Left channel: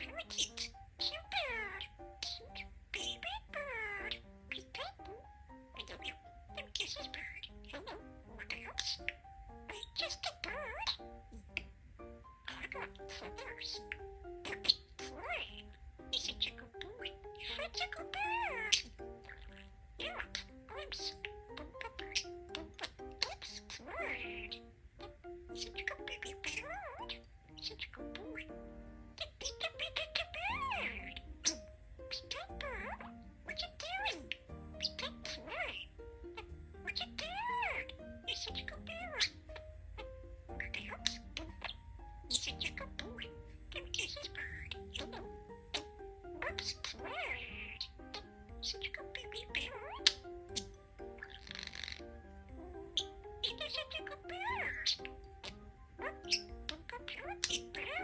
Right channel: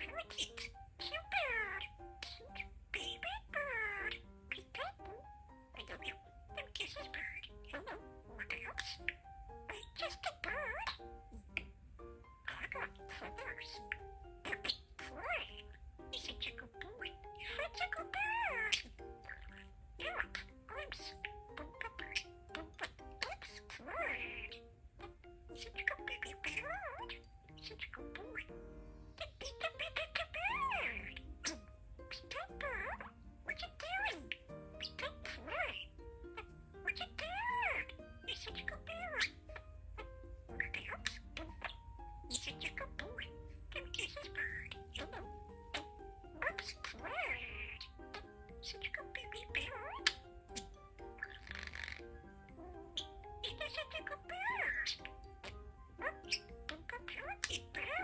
parakeet. Cute bird. Cute baby bird. Peek-a-boo. I love you. I'm Kisses bird. Hello. What else? I'm just a bird. I got feathers. Fly. He's a chickaboo. You're a chickaboo. Yeah. Oops. Oops. Fly. He's a chickaboo bird. He's a chickaboo. Bird. Bird. What you doing? Fly. What you doing? You're such a good bird. What else? He's such a good boy. Come kiss his bird. Hello. Whoops, bird. Such a good baby bird. He's such a good bird. Whoops, parakeet bird.